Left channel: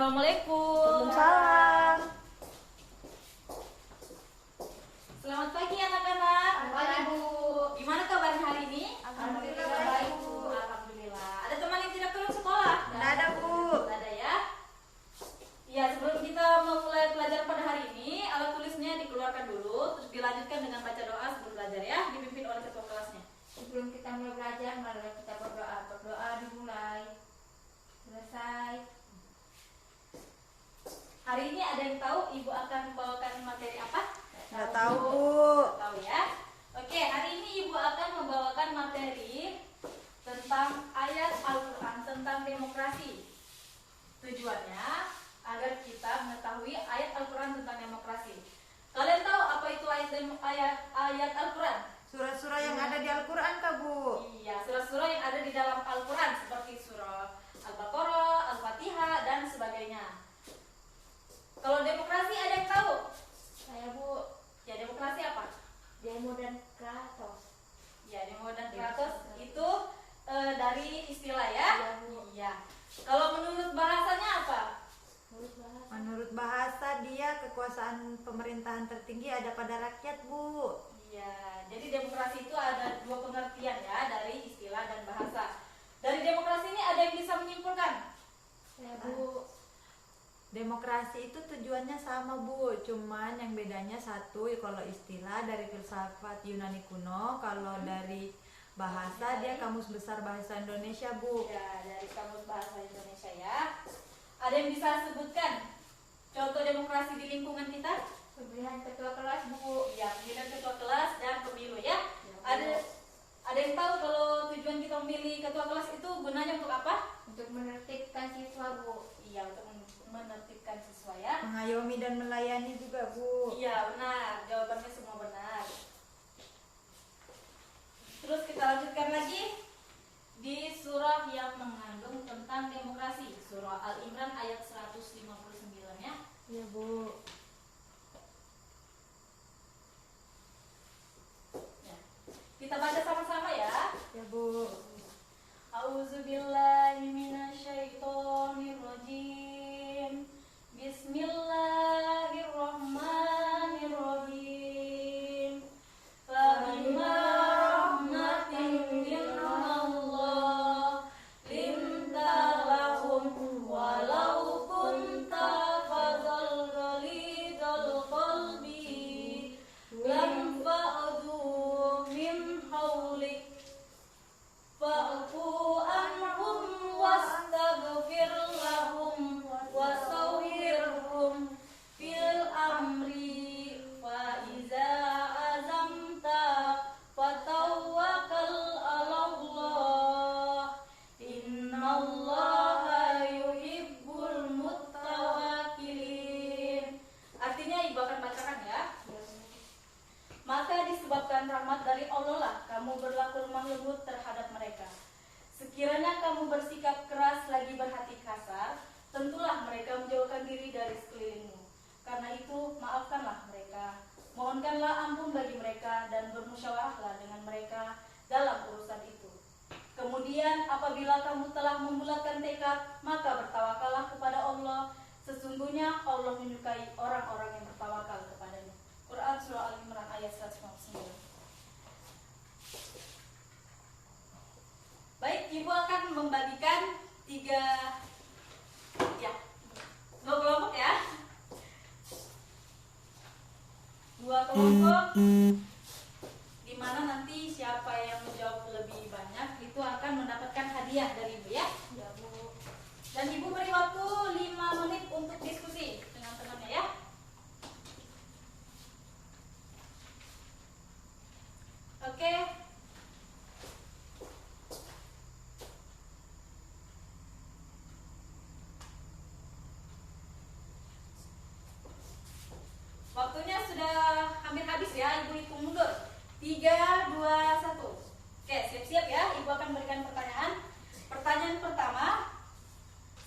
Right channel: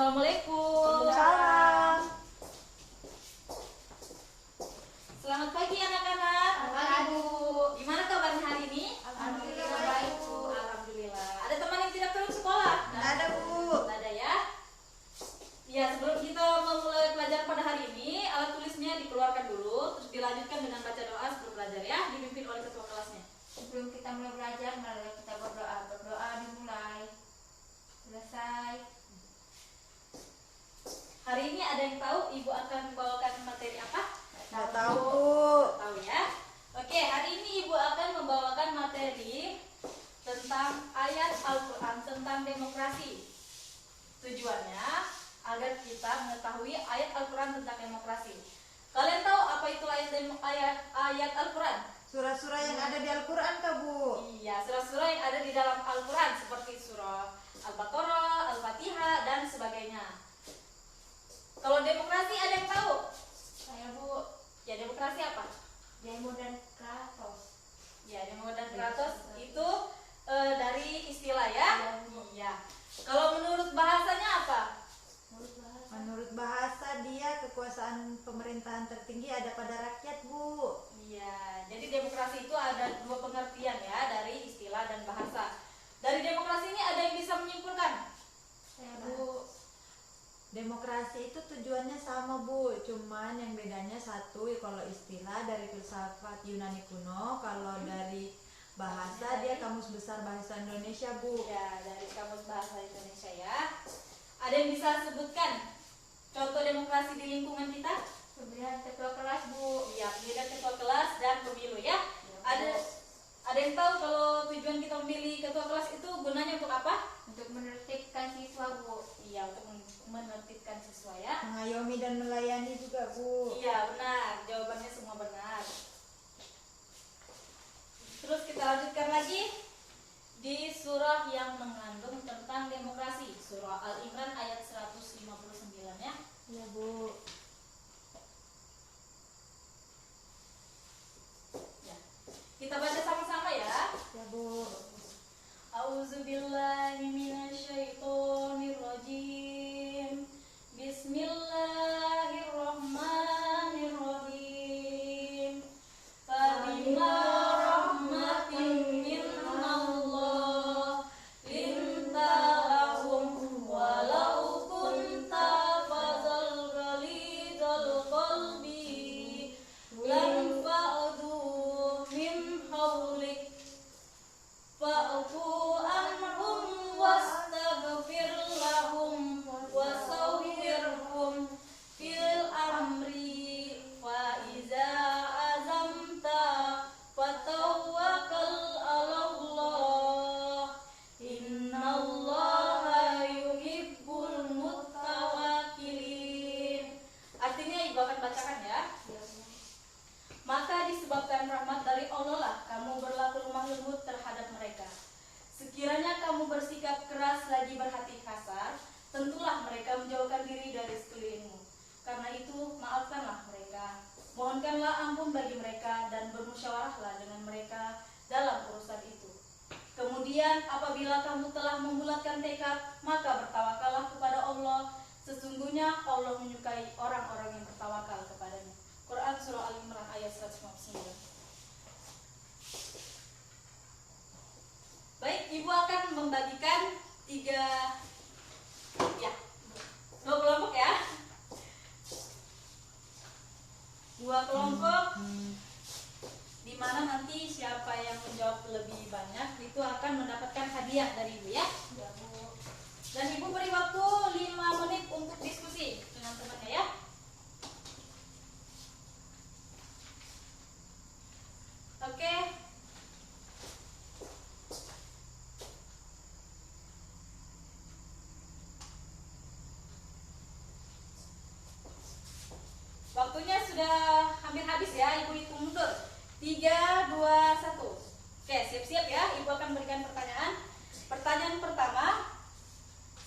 Assalamualaikum. Waalaikumsalam. Selamat pagi anak-anak. Pagi, Bu. Gimana kabar hari ini? Alhamdulillah baik, Bu. Alhamdulillah. Ada teman yang tidak turun sekolah? Nggak ada, Bu. Nggak ada ya? Ya, sebelum kita memulai pelajaran pada hari ini, alat tulisnya dikeluarkan dulu, terus dilanjutkan dengan baca doa sebelum belajar ya, dipimpin oleh ketua kelasnya. Sebelum kita mulai belajar, mari kita berdoa. Berdoa dimulai. Selesai. Hari ini ada yang tahu ibu akan membawakan materi apa? Nggak tahu, Bu. Tahu ya? Oke, hari ini ibu akan membawakan materi tentang ayat Al-Quran tentang demokrasi. Tujuannya agar kita mengetahui ayat Al-Quran tentang demokrasi. Kalian tahu apa itu ayat Al-Quran? Surah-surah yang ada di Al-Quran, Kak, Bu. Iya, surah-surah yang ada di dalam Al-Quran seperti surah Al-Baqarah, Al-Fatihah, dan sebagainya. Kalau demokrasi ada yang tahu? Saya, Bu. Ya, demokrasi apa? Demo dan Kratos. Ya, demo dan kratos itu dari istilah ya. Iya, Bu. Iya. Kalau menurut bahasanya apa? Menurut bahasa dia kekuasaan pemerintahan tertinggi ada pada rakyat, Bu. Iya. Jadi demokrasi itu ada dua pengertian ya dari istilah dan bahasa. Dari demokrasi ini ada yang bisa menyimpulkan? Saya, Bu. Demokrasi itu tujuannya sama, Bu, cuman yang bedanya satu, kalau istilah dari filsafat Yunani kuno, kalau dari bahasa dia Kamus Besar Bahasa Indonesia, Bu. Ya, dari Kamus Bahasa Indonesia ya. Ada yang bisa sebutkan contoh demokrasi di lingkungan kita? Pemilihan ketua kelas, Bu. Iya, pemilihan ketua kelas dan pemilu ya. Ya, Bu. Ada yang tahu kalau tujuan kita memilih ketua kelas itu gunanya untuk apa? Untuk menertibkan siswa, Bu. Iya, untuk menertibkan siswa ya. Mengayomi dan melayani juga, Bu. Iya, benar. Jawabannya semua benar. Terus kita lanjutkan lagi di surah yang mengandung tentang demokrasi, surah Al-Imran ayat 159 ya. Iya, Bu. Ya. Kita baca sama-sama ya. Ya, Bu. A'udzubillahi minasyaitonirrajim. Bismillahirrahmanirrahim. Fabima rahmatin minallah linta lahum walau kunta fadzal ghalidal qalbi lam fa'du min hawlik fa'fu anhum wastaghfir lahum wasawwirhum fil amri fa iza azamta fatawakkal 'alallah innallaha yuhibbul muttawakkilin. Artinya ibu akan bacakan ya. Maka disebabkan rahmat dari Allah lah kamu berlaku lemah lembut terhadap mereka. Sekiranya kamu bersikap keras lagi berhati kasar, tentulah mereka menjauhkan diri dari sekelilingmu. Karena itu maafkanlah mereka, mohonkanlah ampun bagi mereka dan bermusyawarahlah dengan mereka dalam urusan itu. Kemudian apabila kamu telah membulatkan tekad, maka bertawakallah kepada Allah. Sesungguhnya Allah menyukai orang-orang yang bertawakal kepadanya. Quran Surah Al-Imran ayat 159. Baik, ibu akan membagikan dua kelompok ya. Dua kelompok di mana nanti siapa yang menjawab lebih banyak itu akan mendapatkan hadiah dari ibu ya. Ya, Bu. Dan ibu beri waktu 5 menit untuk diskusi dengan temannya ya. Oke. Waktunya sudah hampir habis ya, ibu hitung mundur. 3, 2, 1. Oke, siap-siap ya, ibu akan berikan pertanyaan. Pertanyaan pertama,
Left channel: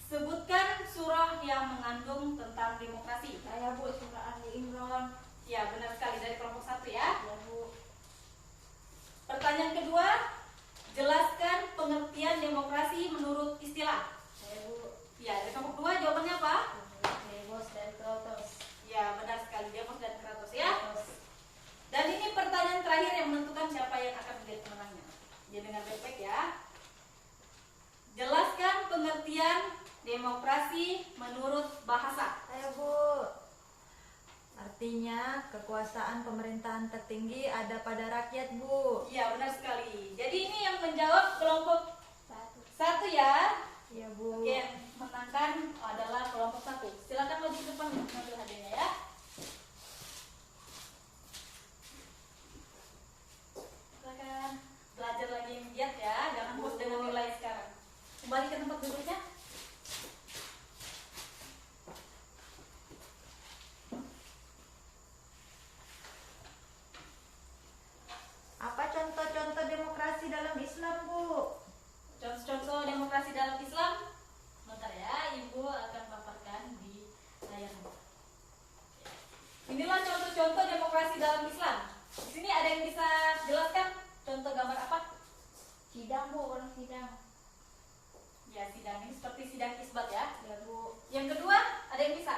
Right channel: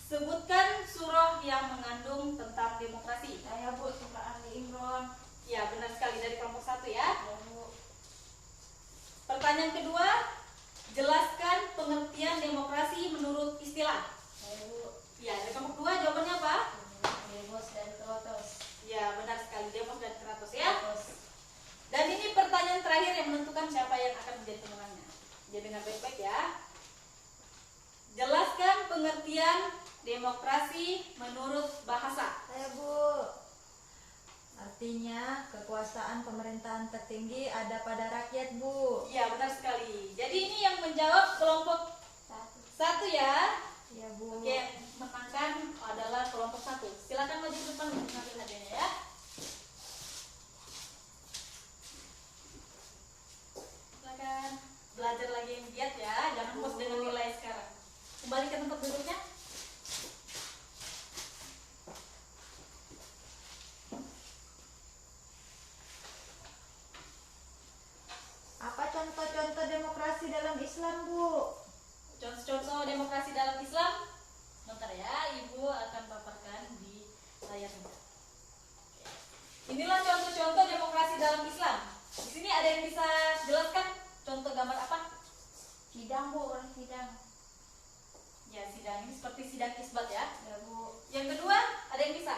sebutkan surah yang mengandung tentang demokrasi. Saya, Bu, surah Ali Imran. Ya, benar sekali, dari kelompok 1 ya. Ya, Bu. Pertanyaan kedua, jelaskan pengertian demokrasi menurut istilah. Saya, Bu. Ya, dari kelompok 2 jawabannya apa? demokrasi menurut bahasa. Saya Bu. Artinya kekuasaan pemerintahan tertinggi ada pada rakyat Bu. Ya, benar sekali. Jadi ini yang menjawab kelompok satu ya. Iya Bu. Oke, yang menangkan adalah kelompok satu. Silakan maju ke depan mengambil hadiahnya ya. Silakan belajar lagi yang giat ya. Jangan puas dengan nilai sekarang. Kembali ke tempat duduknya. Apa contoh-contoh demokrasi dalam Islam Bu? Contoh-contoh demokrasi dalam Islam. Sebentar ya, Ibu akan paparkan di layarnya. Inilah contoh-contoh demokrasi dalam Islam. Di sini ada yang bisa jelaskan contoh gambar apa? Sidang Bu, orang sidang. Ya, sidang ini seperti sidang isbat ya. Ya Bu. Yang kedua, ada yang bisa?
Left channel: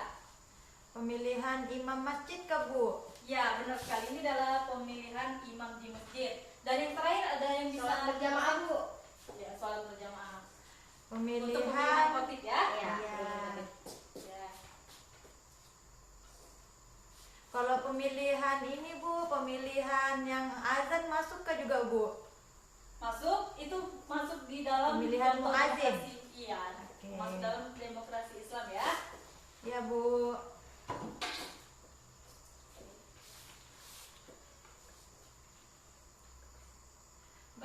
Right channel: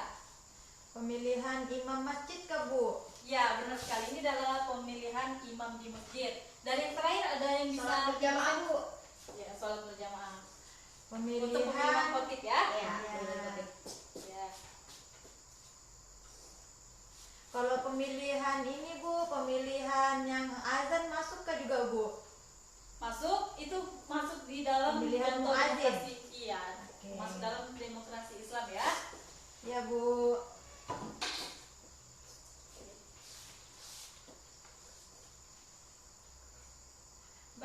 Pemilihan imam masjid ke Bu? Ya, benar sekali. Ini adalah pemilihan imam di masjid. Dan yang terakhir ada yang bisa Sholat berjamaah Bu. Ya, sholat berjamaah. Untuk Pemilihan pemilihan khotib ya. Iya. Ya. Kalau pemilihan ini Bu, pemilihan yang azan masuk ke juga Bu? Masuk itu masuk di dalam Pemilihan contoh muadzin. demokrasi. Iya, Oke. masuk dalam demokrasi Islam ya. Ya Bu.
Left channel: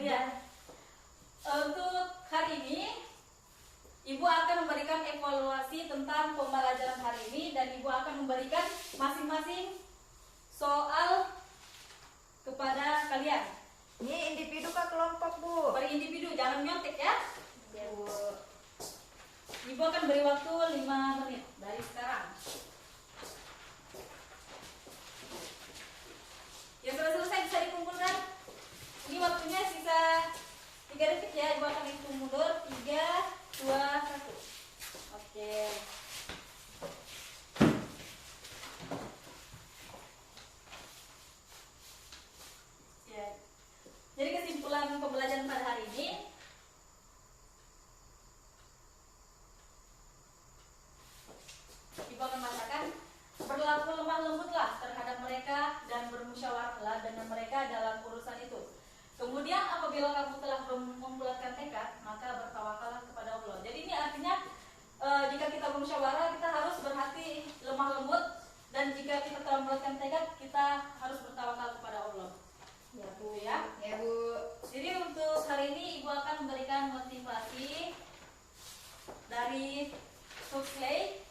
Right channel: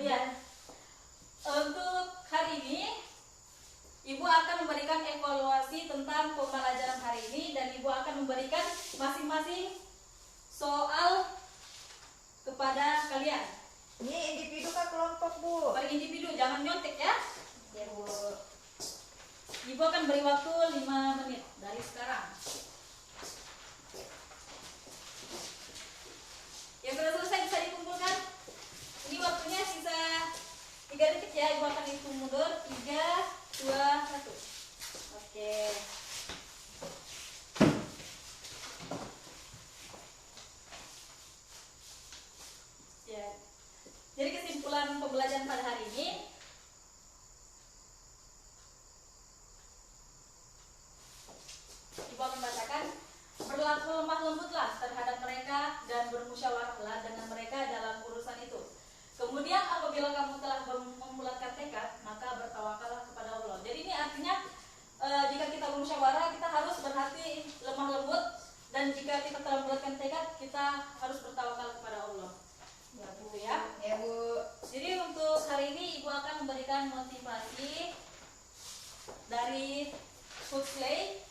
Ya. Untuk hari ini Ibu akan memberikan evaluasi tentang pembelajaran hari ini dan Ibu akan memberikan masing-masing soal kepada kalian. Ini individu ke kelompok Bu? Per individu, jangan nyontek ya. Ya Bu. Ibu akan beri waktu 5 menit dari sekarang. Yang sudah selesai bisa dikumpulkan. Ini waktunya sisa 3 detik ya. Ibu akan hitung mundur. 3, 2, 1. Oke. Ya. Jadi kesimpulan pembelajaran pada hari ini, Ibu akan bacakan. Berlaku lemah lembutlah terhadap mereka dan bermusyawarahlah dengan mereka dalam urusan itu. Kemudian apabila kamu telah membulatkan tekad, maka bertawakallah kepada Allah. Jadi ini artinya jika kita bermusyawarah, kita harus berhati lemah lembut, dan jika kita telah membulatkan tekad, kita harus bertawakal kepada Allah. Ya Bu. Ya. Ya Bu. Jadi untuk hari ini Ibu akan memberikan motivasi dari Huxley.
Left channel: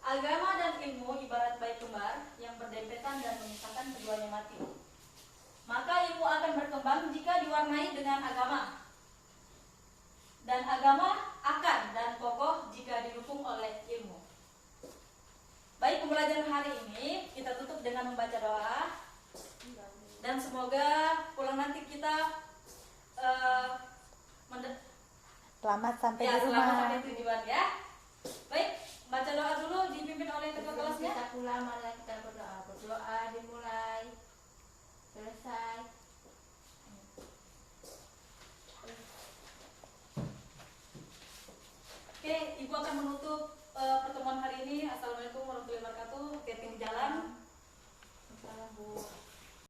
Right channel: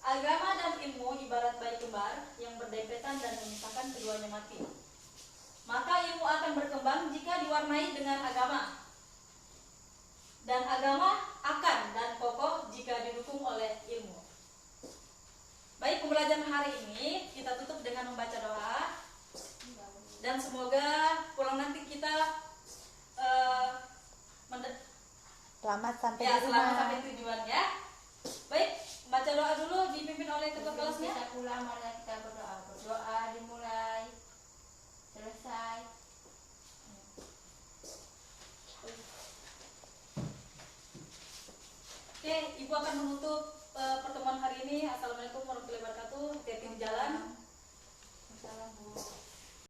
Agama dan ilmu ibarat bayi kembar yang berdempetan dan memisahkan keduanya mati. Maka ilmu akan berkembang jika diwarnai dengan agama. Dan agama akan dan kokoh jika didukung oleh ilmu. Baik, pembelajaran hari ini kita tutup dengan membaca doa. Dan semoga pulang nanti kita Selamat sampai ya, di selamat rumah. sampai tujuan ya. Baik, baca doa dulu dipimpin oleh ketua kelasnya. Kita pulang, marilah kita berdoa. Berdoa dimulai. Selesai. Oke, Ibu akan menutup